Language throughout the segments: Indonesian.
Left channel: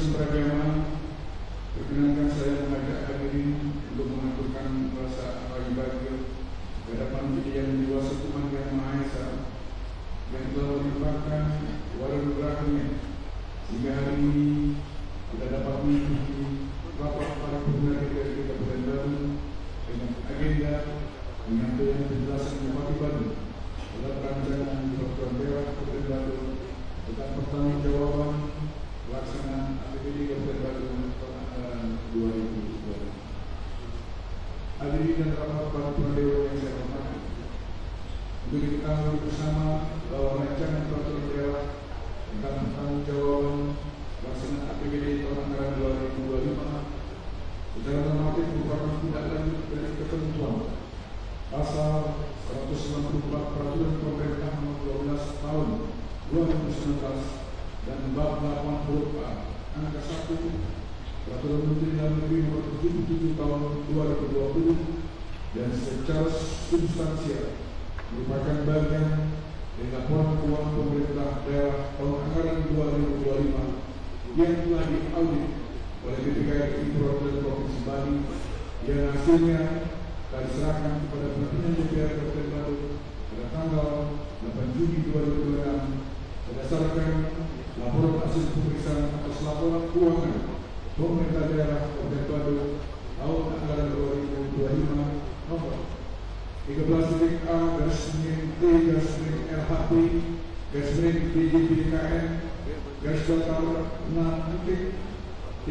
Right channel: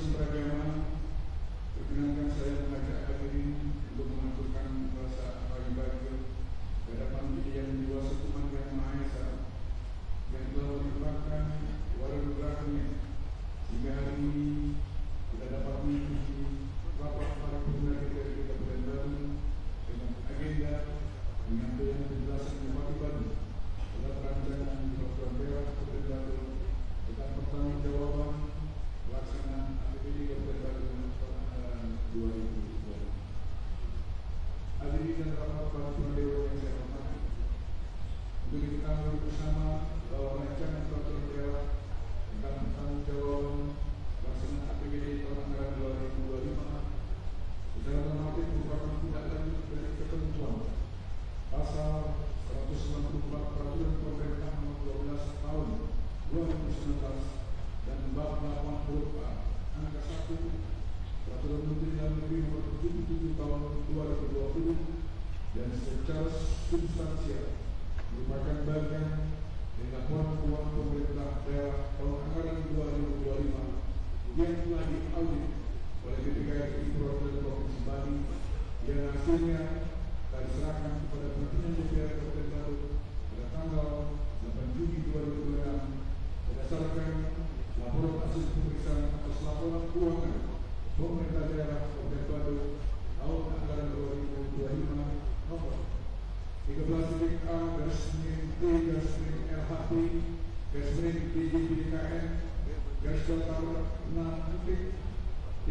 Kristen beragama, perkenankan saya mengajak hadirin untuk mengaturkan rasa bahagia di hadapan Yang Dewasa Tuhan Yang Maha Esa yang telah menyebabkan warga-warganya sehingga hari ini kita dapat mengikuti rapat para pengguna DPRD Kabupaten Bandung dengan agenda penyampaian penjelasan Bupati Bandung dalam rancangan peraturan daerah Kabupaten Bandung tentang pertanggungjawaban pelaksanaan APBD Kabupaten Bandung tahun anggaran 2020. Hadirin dan rapat para pendewa yang saya hormati, untuk diketahui bersama bahwa rancangan peraturan daerah tentang pertanggungjawaban pelaksanaan APBD tahun anggaran 2025 secara normatif merupakan tindak lanjut dari ketentuan pasal 194 Peraturan Pemerintah Nomor 12 Tahun 2019 dan bab 80A angka 1 Peraturan Menteri Dalam Negeri Nomor 77 Tahun 2020 dan secara substansial merupakan bagian dari laporan keuangan pemerintah daerah tahun anggaran 2025 yang telah diaudit oleh BPKRI Perwakilan Provinsi Bali yang hasilnya telah diserahkan kepada pimpinan DPR Kabupaten Bandung pada tanggal 8 Juni 2026 berdasarkan laporan hasil pemeriksaan atas laporan keuangan pemerintah daerah Kabupaten Bandung tahun anggaran 2025 nomor 13-A-T-LHP-DJPDKN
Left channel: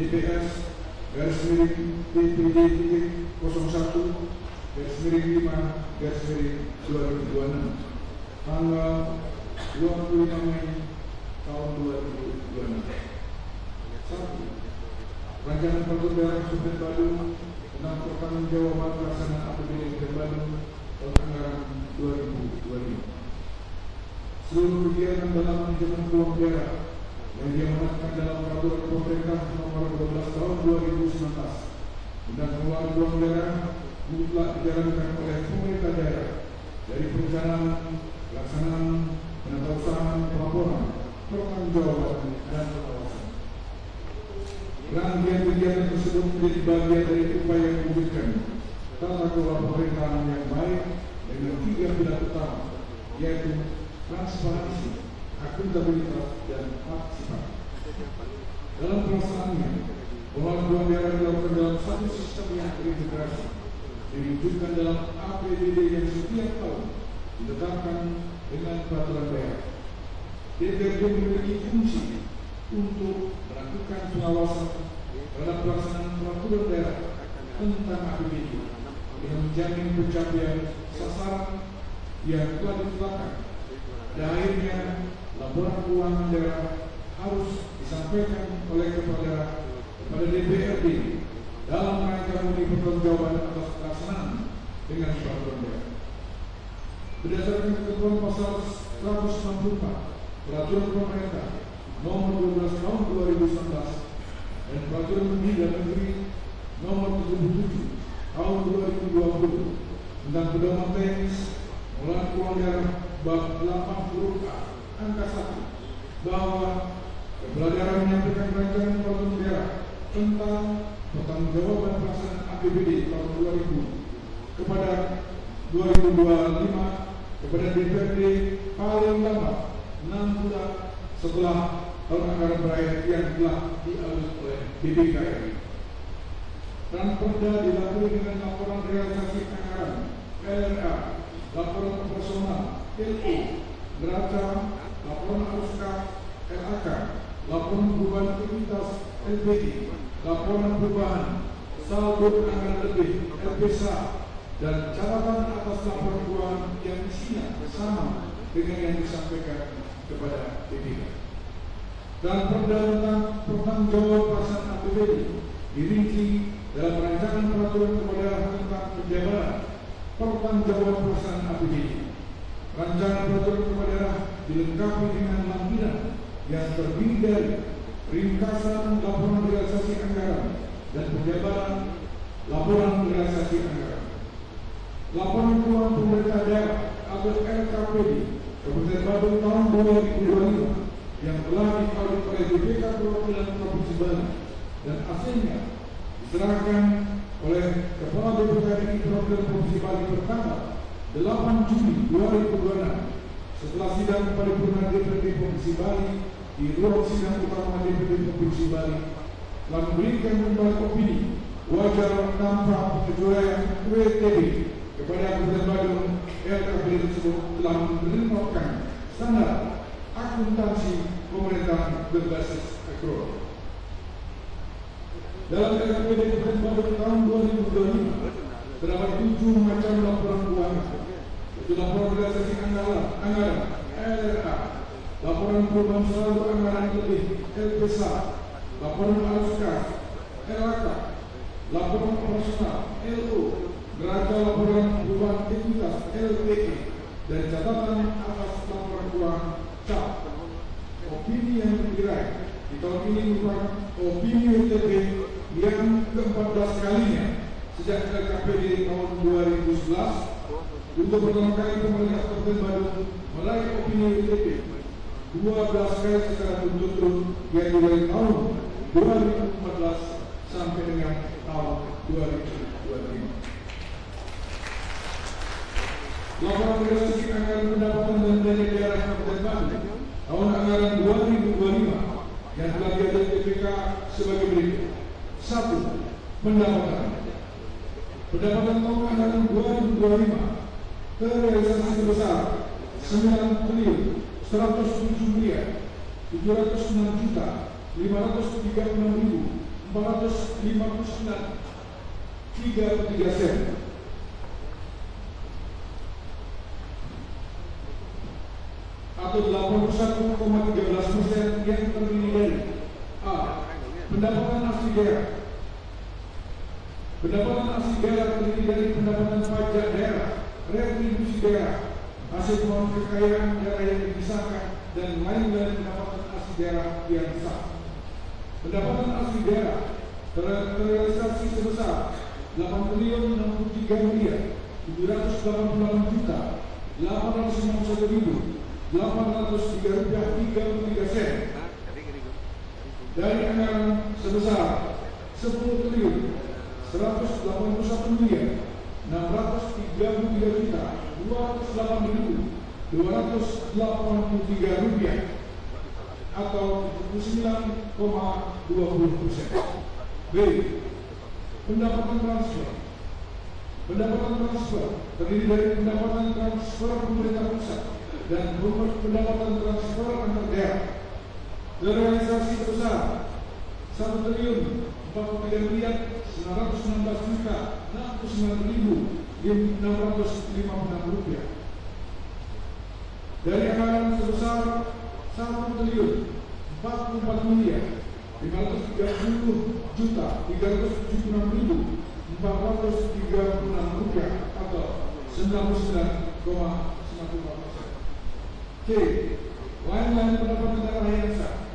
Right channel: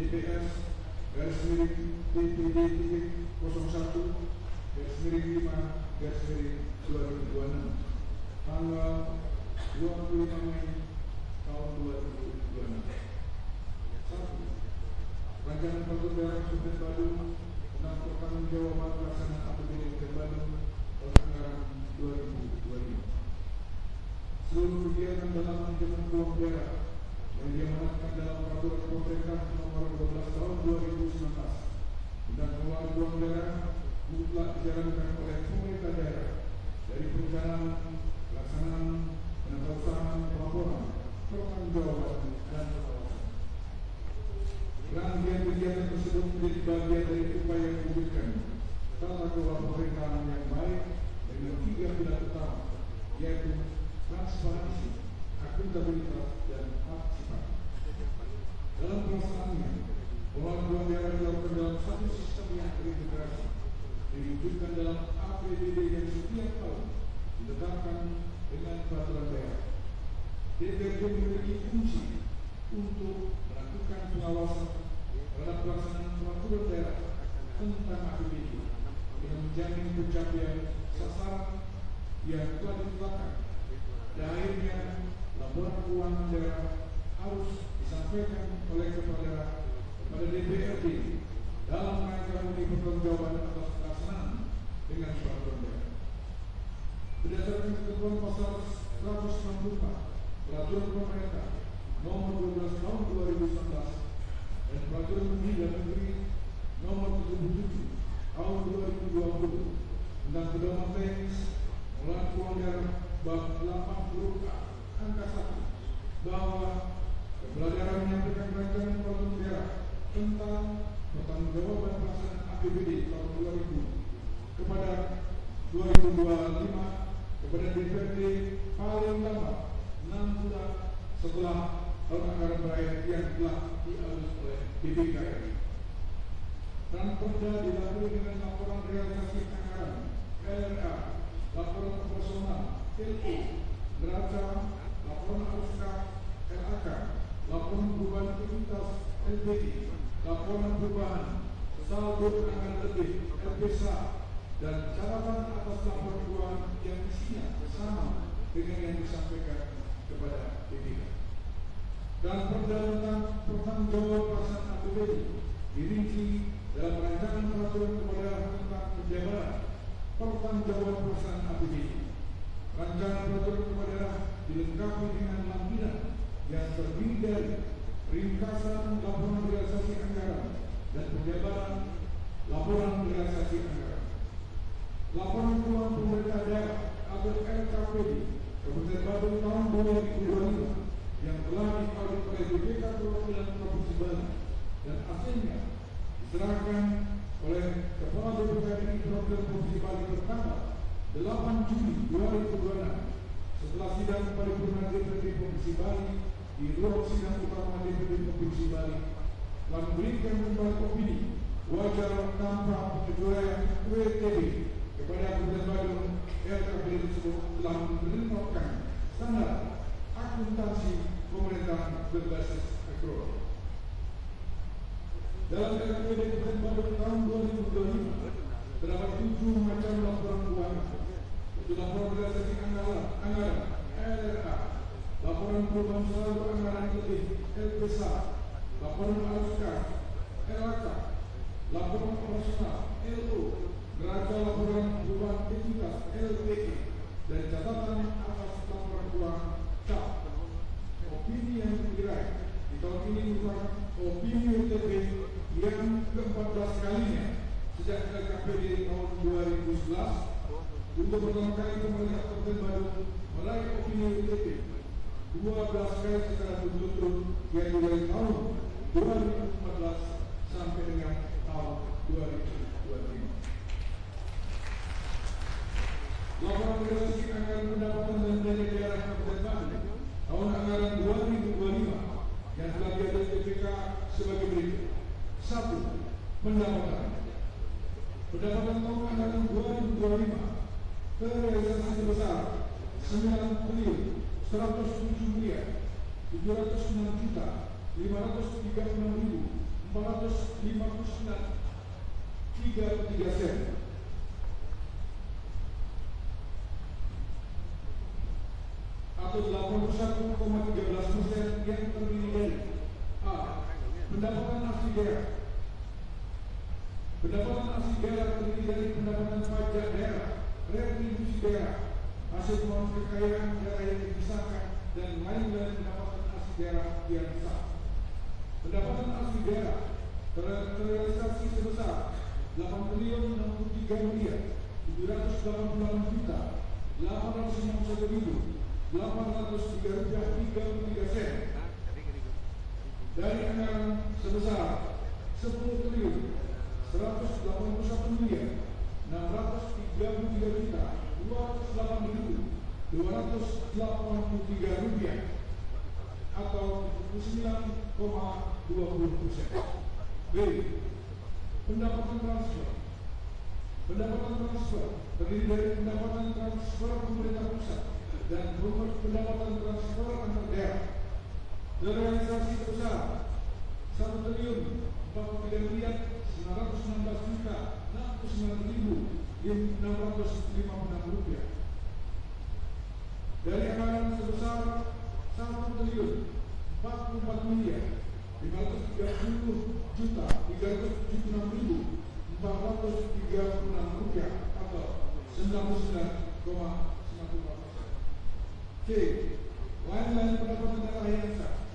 DPS-DPD-01-5-2026 tanggal 25 Mei tahun 2026. 1. Rancangan Peraturan Daerah Kabupaten Bandung tentang pertanggungjawaban pelaksanaan APBD Kabupaten Bandung tahun anggaran 2025. Seluruh kegiatan dalam manajemen keuangan daerah yang diamanatkan dalam Peraturan Pemerintah Nomor 12 Tahun 2019 tentang pengelolaan keuangan daerah mutlak dijalankan oleh pemerintah daerah dari perencanaan, pelaksanaan, penatausahaan, pelaporan, pertanggungjawaban dan pengawasan. Rangkaian kegiatan tersebut menjadi bagian dari upaya mewujudkan tata kelola pemerintahan yang baik dengan 3 pilar utama, yaitu transparansi, akuntabilitas, dan partisipasi. Dalam pelaksanaannya, pengelolaan keuangan daerah dilakukan dalam satu sistem yang terintegrasi, diwujudkan dalam APBD yang setiap tahun ditetapkan dengan peraturan daerah. DPRD memiliki fungsi untuk melakukan pengawasan terhadap pelaksanaan peraturan daerah tentang APBD dengan menjamin pencapaian sasaran yang telah ditetapkan. Dan akhirnya, laporan keuangan daerah harus disampaikan oleh kepada DPRD dalam rangka memberi pertanggungjawaban atas pelaksanaan dengan peraturan daerah. Berdasarkan ketentuan pasal 164 Peraturan Pemerintah Nomor 12 Tahun 2019 dan Peraturan Menteri Dalam Negeri Nomor 77 Tahun 2020 tentang pedoman teknis pengelolaan keuangan daerah bab 80A angka 1 bahwa kepala daerah menyampaikan rancangan peraturan daerah tentang pertanggungjawaban pelaksanaan APBD tahun 2000 kepada 2025 kepada DPRD paling lambat 6 bulan setelah tahun anggaran berakhir yang telah diaudit oleh BPKRI. Dan perda dilalui dengan laporan realisasi anggaran LRA, laporan operasional LO, neraca, laporan arus kas LAK, laporan perubahan aktivitas LPI, laporan perubahan saldo anggaran lebih LPSA, dan catatan atas laporan keuangan yang isinya sama dengan yang disampaikan kepada BPK. Dan perda tentang pertanggungjawaban pelaksanaan APBD dirinci dalam rancangan peraturan kepada tentang penjabaran pertanggungjawaban pelaksanaan APBD. Rancangan peraturan kepada dilengkapi dengan lampiran yang terdiri dari ringkasan laporan realisasi anggaran dan penjabaran laporan realisasi anggaran. Laporan keuangan pemerintah daerah atau LKPD Kabupaten Bandung tahun 2025 yang telah diaudit oleh BPK Perwakilan Provinsi Bali dan hasilnya diserahkan oleh Kepala BPKDI Perwakilan Provinsi Bali pertanggal 8 Juli 2026 setelah sidang paripurna DPD Provinsi Bali di ruang sidang utama DPD Provinsi Bali telah memberikan kembali opini wajar tanpa pengecualian WTB kepada Kabupaten Badung. LKPD tersebut telah menerapkan standar akuntansi pemerintahan berbasis akrual. Dalam LKPD Kabupaten Badung tahun 2025 terdapat 7 macam laporan keuangan, yaitu laporan realisasi anggaran LRA, laporan perubahan saldo anggaran lebih LPSA, laporan arus kas LAK, laporan operasional LO, neraca laporan perubahan ekuitas LPE, dan catatan atas laporan keuangan CAP. Opini yang diraih di tahun ini merupakan opini WTB yang ke-14 kalinya sejak LKPD tahun 2011. Untuk pertama kali pemerintah Kabupaten Badung meraih opini WTB 12 kali secara berturut-turut, yaitu dari tahun 2014 sampai dengan tahun 2025. Laporan realisasi anggaran pendapatan dan belanja daerah Kabupaten Badung tahun anggaran 2025 yang telah diaudit BPK sebagai berikut. 1. Pendapatan tahun anggaran 2025 terrealisasi sebesar 9 triliun 107 miliar 706 juta 536.459.33 sen atau 81,13% yang terdiri dari A. Pendapatan asli daerah. Pendapatan asli daerah terdiri dari pendapatan pajak daerah, retribusi daerah, hasil pengelolaan kekayaan daerah yang dipisahkan, dan lain-lain pendapatan asli daerah yang sah. Pendapatan asli daerah terrealisasi sebesar 8.063 miliar 788 juta 891.803.33 sen dari anggaran sebesar 10 triliun 181 miliar 633 juta 208.283 rupiah atau 79,20%. B. Pendapatan transfer. Pendapatan transfer terdiri dari pendapatan transfer pemerintah pusat dan pendapatan transfer antar daerah. Terrealisasi sebesar 1 triliun 43 miliar 916 juta 69.656 rupiah. Dari anggaran sebesar 1 triliun 44 miliar 530 juta 376.436 rupiah atau 99,94%. C. Lain-lain pendapatan daerah yang sah.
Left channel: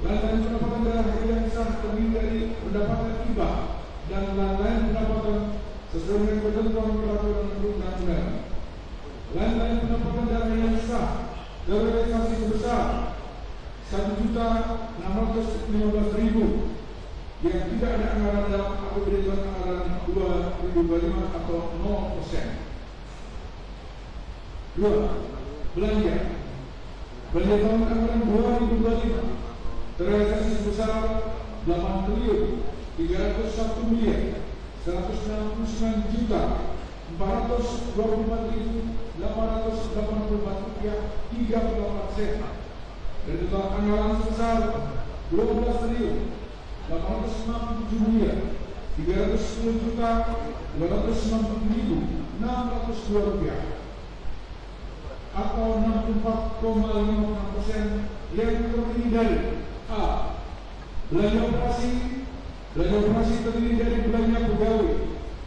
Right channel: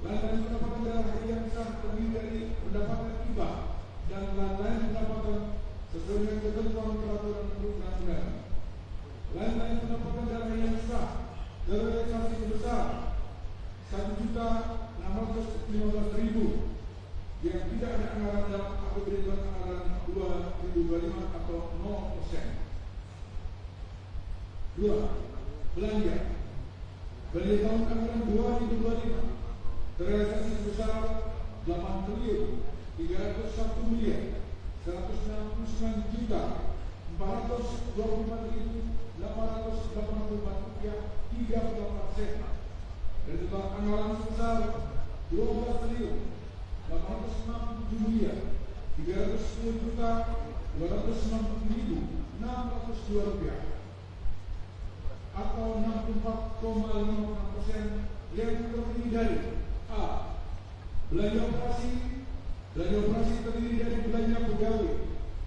Lain-lain pendapatan daerah yang sah terdiri dari pendapatan hibah dan lain-lain pendapatan sesuai dengan ketentuan peraturan perundang-undangan. Lain-lain pendapatan daerah yang sah terrealisasi sebesar 1.615.000 yang tidak ada anggaran dalam APBD tahun anggaran 2025 atau 0%. 2. Belanja. Belanja tahun anggaran 2025 terrealisasi sebesar 8 triliun 301 miliar 169 juta 424.884 rupiah 38 sen dari total anggaran sebesar 12 triliun 867 miliar 310 juta 290.602 rupiah atau 64,56% yang terdiri dari A. Belanja operasi. Belanja operasi terdiri dari belanja pegawai,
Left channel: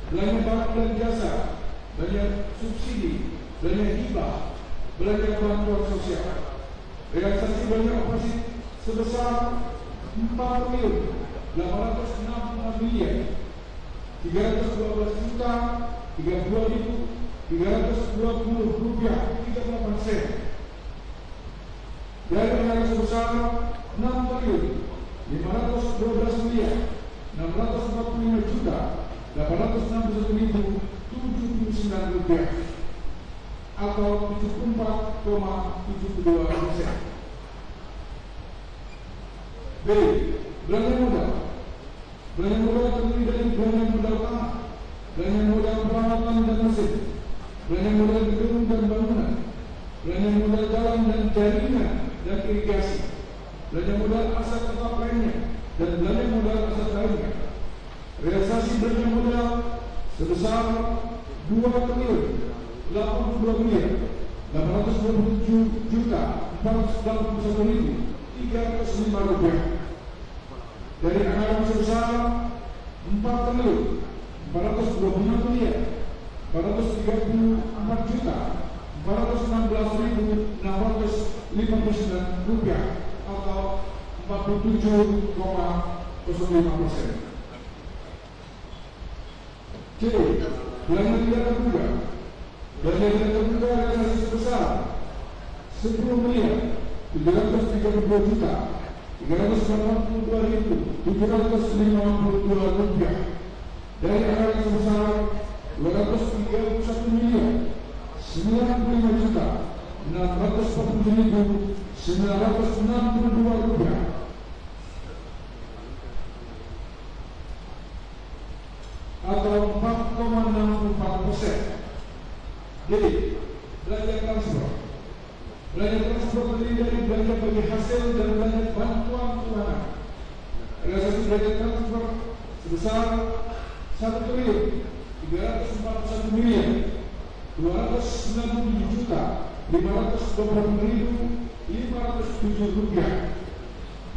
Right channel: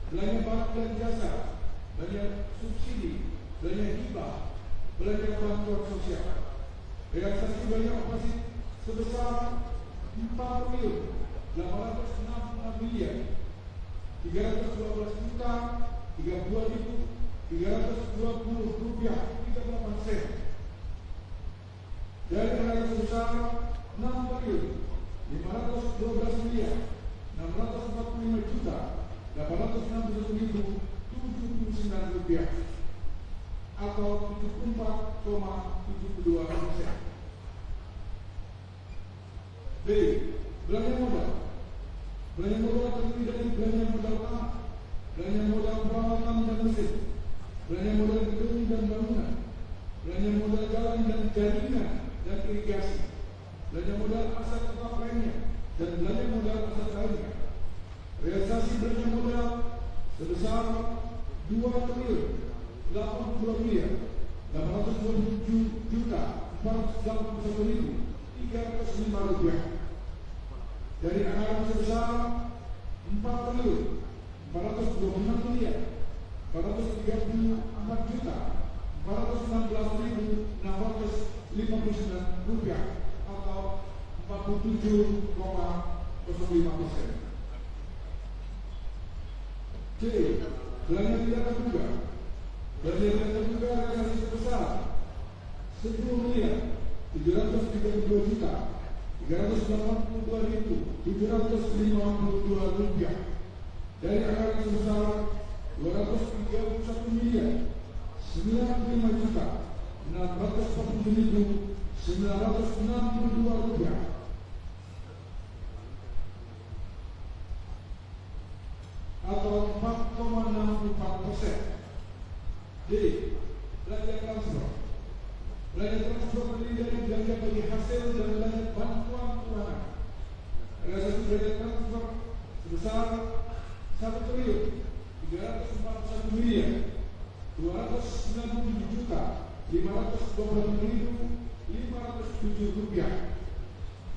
belanja barang dan jasa, belanja subsidi, belanja hibah, belanja bantuan sosial. Realisasi belanja operasi sebesar 4 triliun 866 miliar 312 juta 32.320 rupiah 38 sen. B. dari anggaran sebesar 6 triliun 512 miliar 645 juta 861.079 rupiah atau 74,72%. B. Belanja modal. Belanja modal terdiri dari belanja modal tanah, belanja modal peralatan dan mesin, belanja modal gedung dan bangunan, belanja modal jalan dan jaringan dan irigasi, belanja modal aset tetap lainnya, dan belanja modal aset lainnya. Realisasi belanja modal sebesar 2 triliun 82 miliar 827 juta 481.305 rupiah dari anggaran sebesar 4 triliun 426 miliar 434 juta 416.659 rupiah atau 47,05%. C. Belanja tidak terduga. Belanja tidak terduga realisasi sebesar 10 miliar 732 juta 382.752 rupiah dari anggaran sebesar 231 miliar 95 juta 647.962 rupiah atau 4,64%. D. Belanja transfer. Belanja transfer terdiri dari belanja bagi hasil dan belanja bantuan keuangan. Realisasi belanja transfer sebesar 1 triliun 341 miliar 297 juta 520.507 rupiah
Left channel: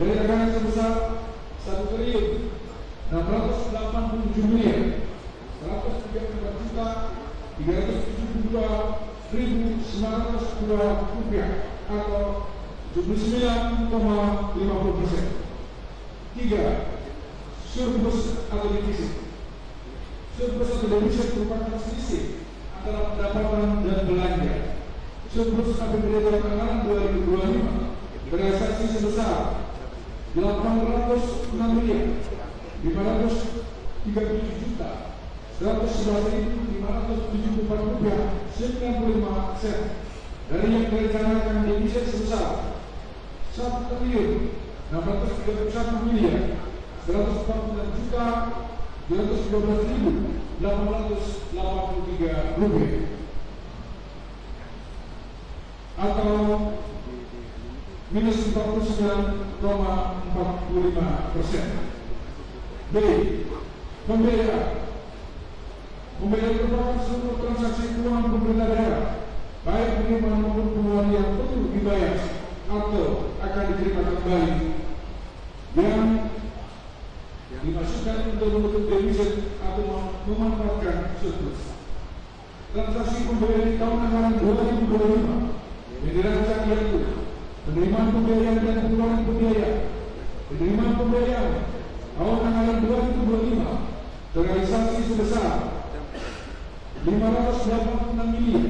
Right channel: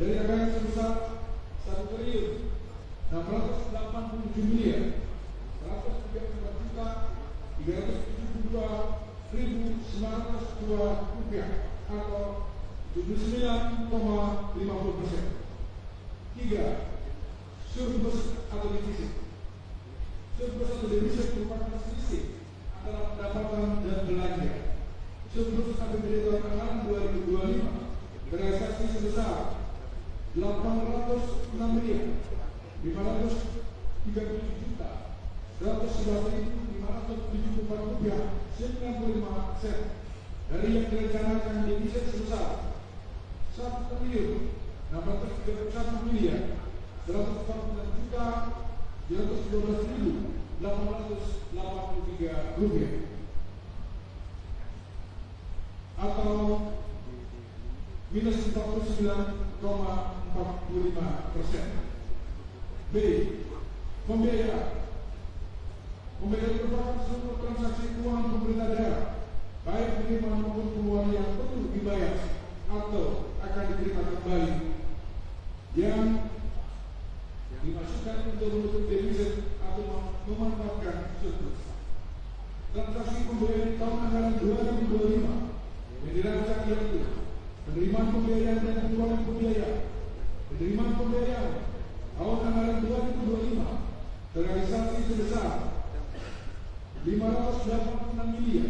dari anggaran sebesar 1 triliun 687 miliar 134 juta 372.902 rupiah atau 79,50%. 3. Surplus atau defisit. Surplus atau defisit merupakan selisih antara pendapatan dan belanja. Surplus APBD dalam anggaran 2025 terrealisasi sebesar 806 miliar 537 juta 111.574 rupiah 95 sen dari yang direncanakan defisit sebesar 1 triliun 631 miliar 149 juta 212.883 rupiah atau minus 49,45%. B. Pembiayaan. Pembiayaan merupakan seluruh transaksi keuangan pemerintah daerah, baik penerimaan maupun pengeluaran yang perlu dibayar atau akan diterima kembali yang dimasukkan untuk menutup defisit atau memanfaatkan surplus. Transaksi pembiayaan di tahun anggaran 2025 yang dirancang yaitu penerimaan pembiayaan dan pengeluaran pembiayaan. Penerimaan pembiayaan tahun anggaran 2025 terrealisasi sebesar 586 miliar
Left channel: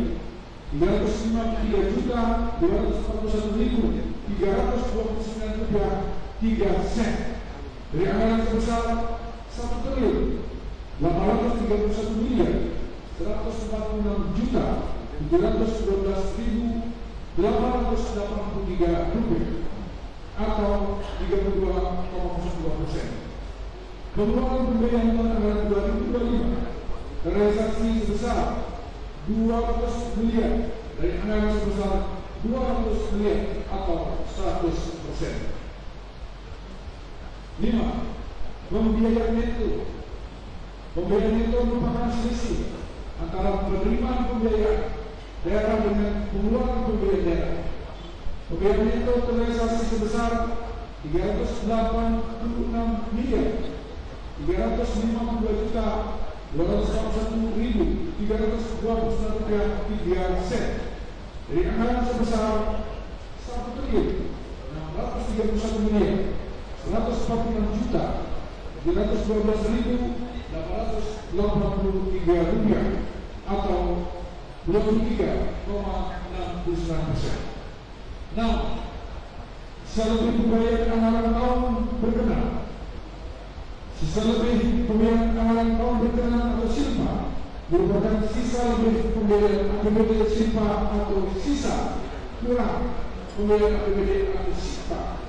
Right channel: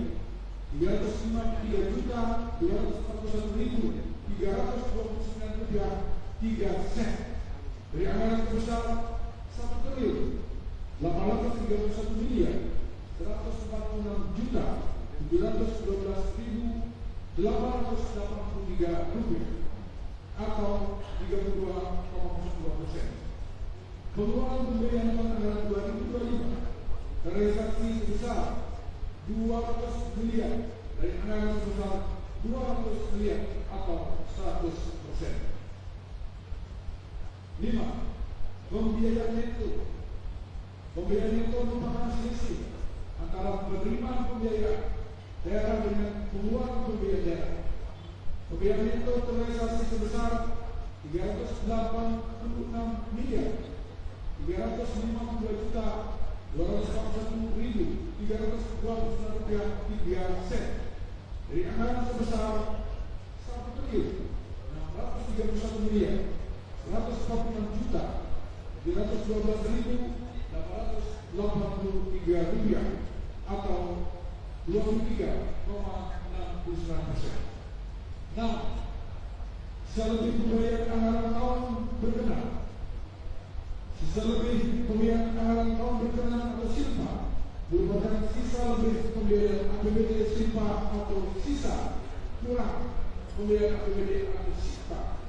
353 juta 241.329 rupiah 3 sen dari anggaran sebesar 1 triliun 831 miliar 146 juta 712.883 rupiah atau 32,02%. Pengeluaran pembiayaan tahun anggaran 2025 terrealisasi sebesar 200 miliar dari anggaran sebesar 200 miliar atau 100%. 5. Pembiayaan neto. Pembiayaan neto merupakan selisih antara penerimaan pembiayaan daerah dengan pengeluaran pembiayaan daerah. Pembiayaan neto terrealisasi sebesar 386 miliar 352 juta 241.329 rupiah 3 sen dari anggaran sebesar 1 triliun 631 miliar 146 juta 712.883 rupiah atau 23,69%. 6. sisa lebih pembayaran anggaran tahun berkenan, sisa lebih pembayaran anggaran tahun berkenan atau silpa merupakan sisa lebih pembayaran APBD silpa atau sisa kurang pembayaran APBD atau silpa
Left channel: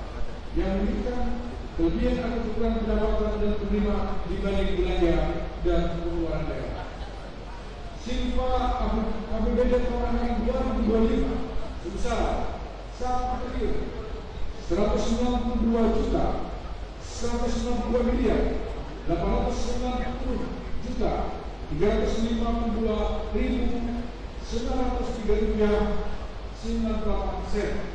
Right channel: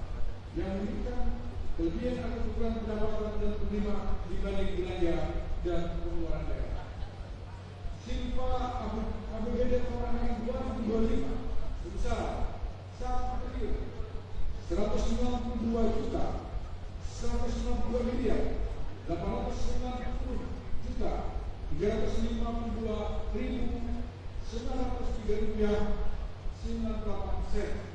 yang memberikan kelebihan atau kekurangan pendapatan dan penerima dibanding belanja dan pengeluaran daerah. Silpa APBD tahun 2025 sebesar 1.200.392.903.98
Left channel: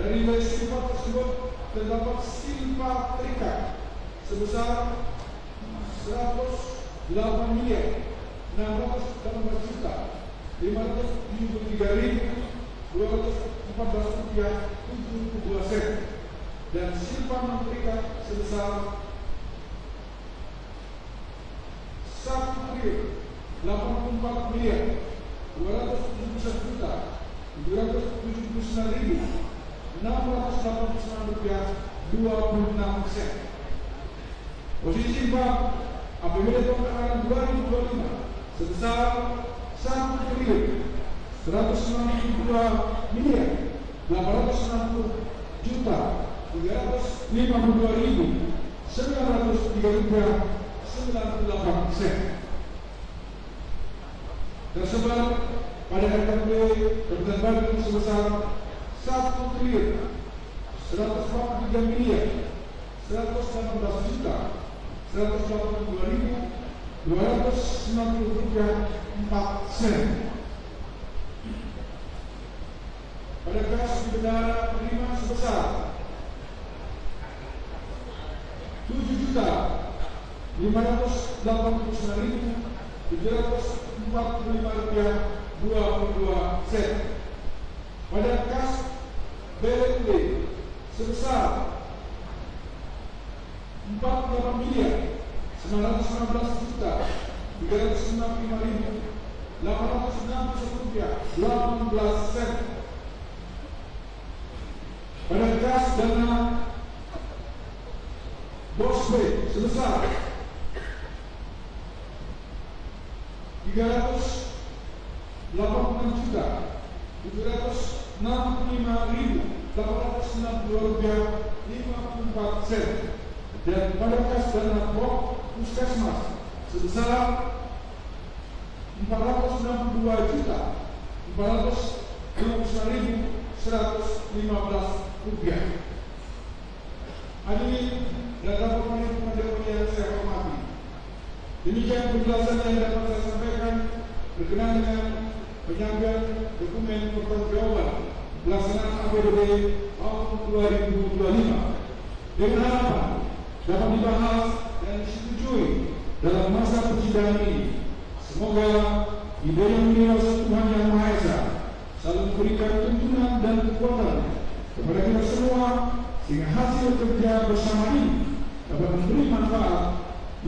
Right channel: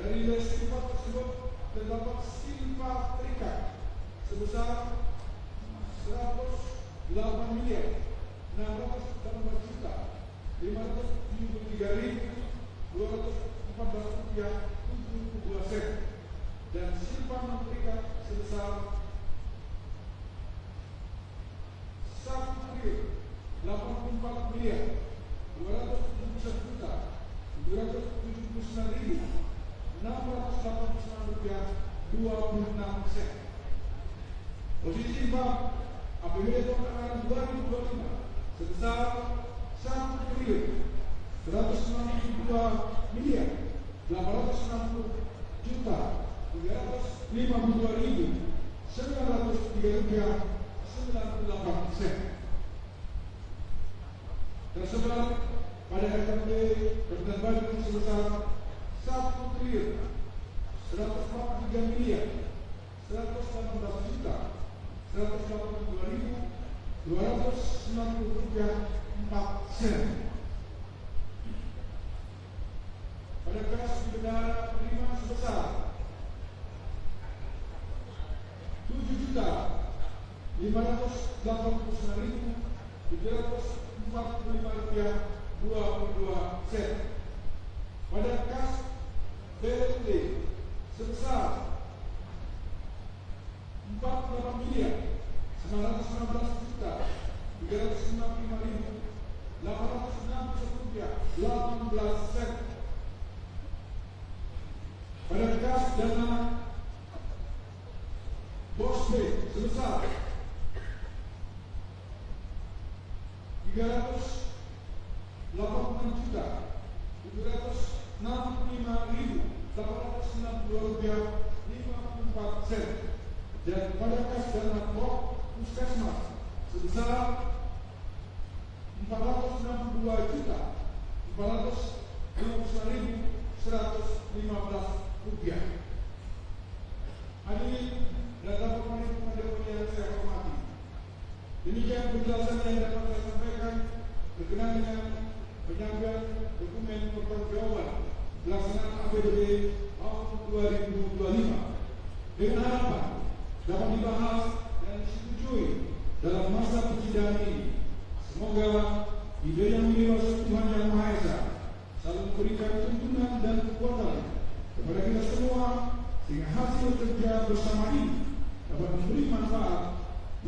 Dari nilai silpa tersebut terdapat silpa terikat sebesar 118.618.573.214.72 dan silpa non terikat sebesar 1.084.279.689 Posisi silpa APBD tahun anggaran 2025 sebesar 1.860.903.98 tersebar pada RKP Kabupaten Bandung sebesar 1.143.182.290.4 pada kas bendahara penerima sebesar 7.589.745.22 pada kas BLT sebesar 48.919.365.861.18 pada kas dana BOS B sebesar 385.892.54 dan pada kas dana BOK Puskesmas sebesar 462.459.115 rupiah. Hadirin dan dapat pemerintah yang saya hormati, demikian penjelasan yang dapat saya sampaikan berkenaan dengan penyampaian dokumen pertanggungjawaban pelaksanaan APBD tahun 2025 dengan harapan dapat dibahas dan disetujui dalam masa persidangan ini. Semoga ide yang dewasa Tuhan Yang Maha Esa selalu memberikan tuntunan dan kekuatan kepada kita semua sehingga hasil kerja bersama ini dapat memberi manfaat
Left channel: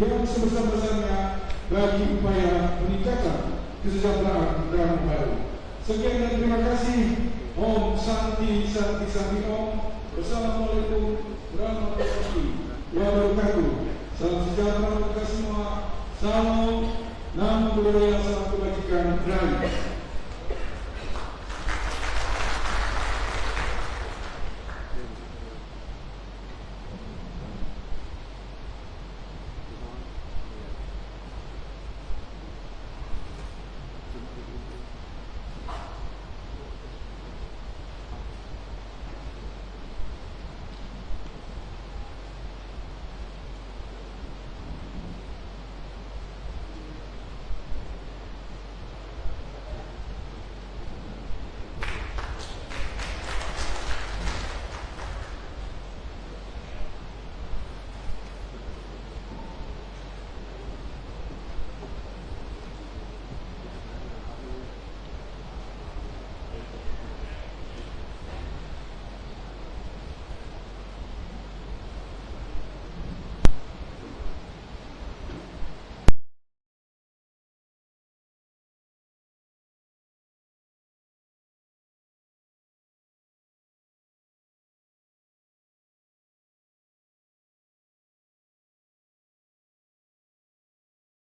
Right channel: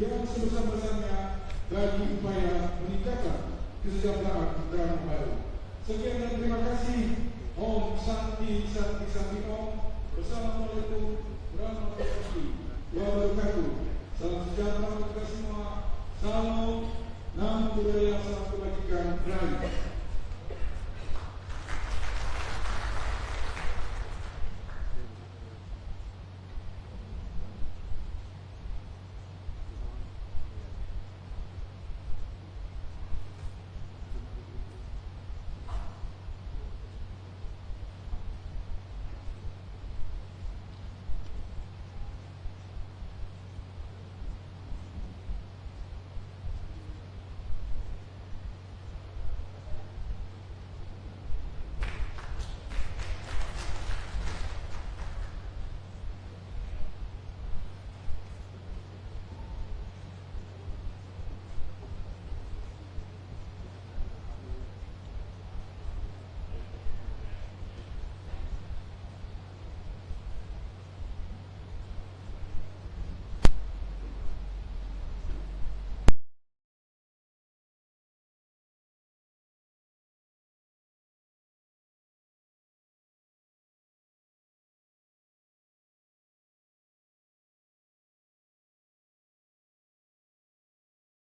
yang sebesar-besarnya bagi upaya peningkatan kesejahteraan negara baru. Sekian dan terima kasih. Om Santi Santi Santi Om. Wassalamualaikum warahmatullahi wabarakatuh. Salam sejahtera untuk kita semua. Salam, nama budaya, salam kebajikan, rakyat.